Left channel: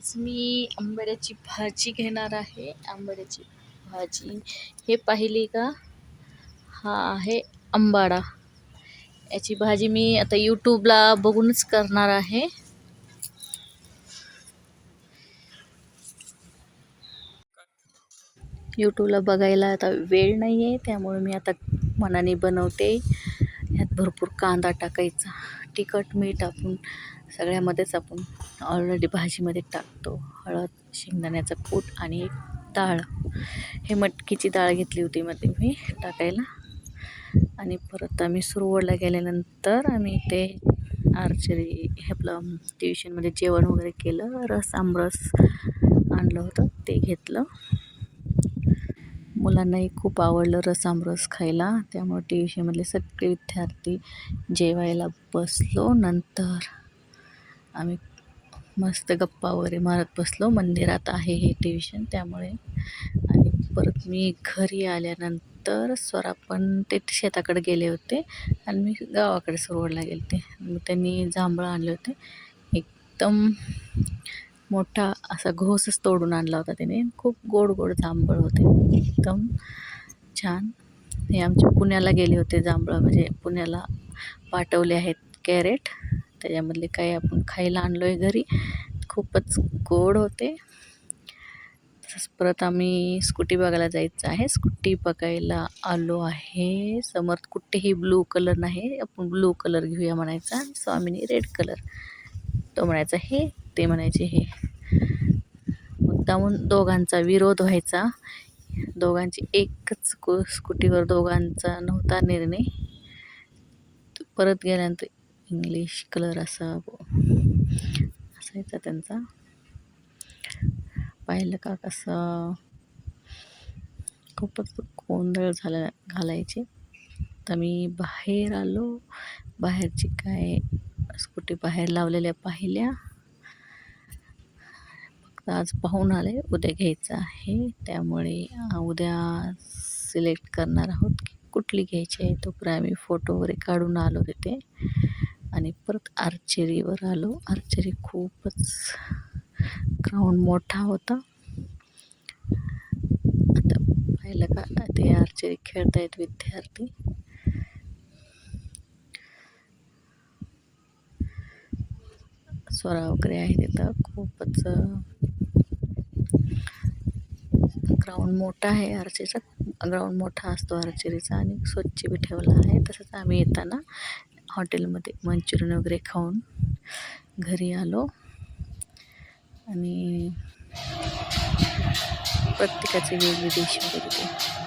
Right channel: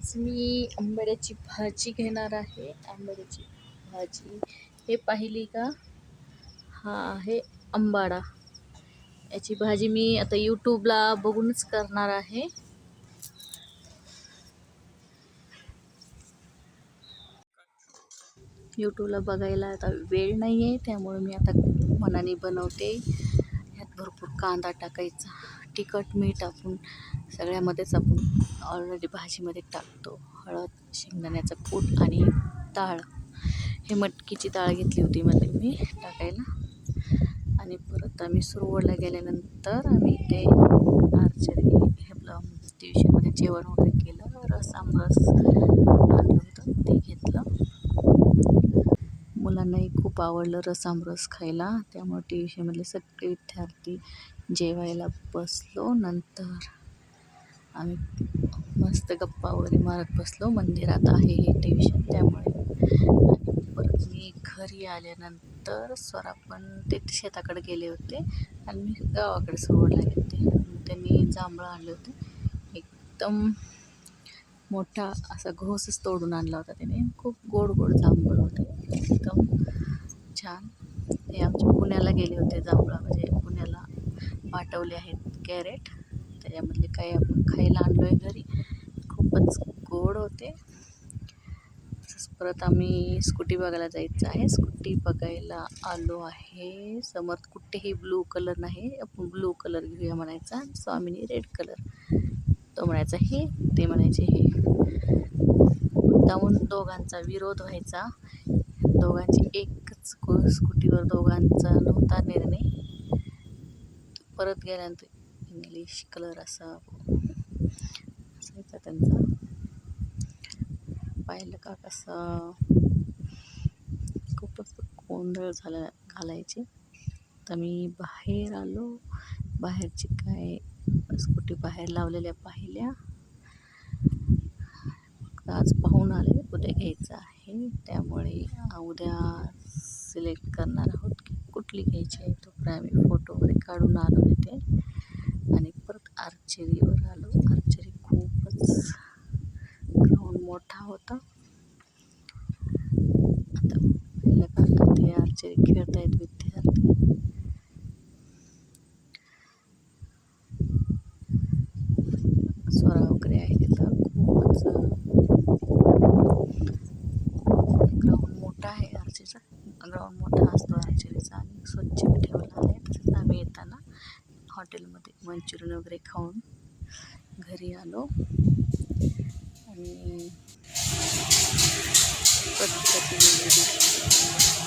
आज मी आंबाड्याची भाजी घेणार आहे. आंबाड्याची भाजी हे पाहिली का? हा आहे आंबाडा. याची भाजी मी आता यूट्यूबला बघूनच करणार आहे. यूट्यूबला बघायला आता वेळ नाही आहे, त्यामुळे मी आता मनाने बनवते. यात भरपूर कांदा टाकायचा, तिखट मीठ आपण सगळ्यामध्येच आपण ऑलरेडी भाजीमध्ये टाकतो. हळद, शेंगदाण्याचा कूट आणि डाळ. हे मटकीची डाळ घेतली होती मध्ये मी टाकायला. आणि परत आम्ही सुरवडला गेल्यानंतर आम्ही ते आर्चरी हे आपलं ट्युशनमध्ये जेवण वगैरे केलं. रस आमरस आणलं होतं ते घेतलं. मुलांनाही खूप आवडलं रस आमरस खायला, त्यामुळे ट्युशनमधले सगळे विद्यार्थी जेवायला बसलो. नंतर आम्ही मस्त गप्पा वगैरे मारत बसलो. मंदिरात आहे हे ट्युशन त्यामुळे. आणि परत मी घरी आल्यानंतर स्वरा पण ते शेताकडे गेले होते आणि मी गावाकडे सुरवडला गेले होते. मग त्यांनी जांभळं आणले होते. एकदम मोठा असा घोसच तोडून आणला होता त्याने. खूप गोड गोड जांभळ होते, एकदम छान. हे आमच्या पुण्याला गेले होते जांभळं, म्हणजे पुण्याला पाठवले आहेत कॅरेट. त्याच्यामधले काही आपण खायला आणलो आहे घरी. खूपच गोड होते. तसंच परत आम्ही स्कूटी बघायला जायचं आहे. स्कूटी बघायला आलो आहे. समोर कुठेही ब्लू कलर नाही, आपण ब्लू कलर घेऊया म्हणायचा. स्वामीनी रेड कलर. तो म्हणायचा हे, ते म्हणायचे हे. मुद्दामून दोघांचा विरोध व्हायचा. दोघांची एकच स्कूटीवर दोघांचा नव्हता निर्णय. परत गेल्यानंतर इंग्लिश कलर असायचा त्यांचा. पाहिलं का कसं खूपच गोंधळ घालायचे. तर मी बाहेर आलो. बाहेरची काय स्कूटी बाहेर लावलेल्या पाहिल्या. फक्त आज पाहून आले, उद्या घ्यायचं आहे. त्यामुळे उद्या सिलेक्ट करणार आहोत की कुठली घ्यायची आहे. तोपर्यंत आम्ही फोटो वगैरे काढून आलो तिथे. आणि परत आर्चरीवर आलो. आर्चरी खूपच ग्राउंड मोठा होता. आता पाहिलं का ते आर्चरी खेळतायत विद्यार्थी. स्वरा वगैरे आहे तिथं. खूपच ग्राउंड मोठा आहे. आर्चरीचा ग्राउंड मोठा असतो आर्चरीचा आणि स्वच्छ बी ठेवला आहे. तसंच आम्ही येताना हॉटेलमध्ये मंचुरियन वगैरे खाऊन घरी आलो. आणि प्रत्येकाची वेगळी डिश होती.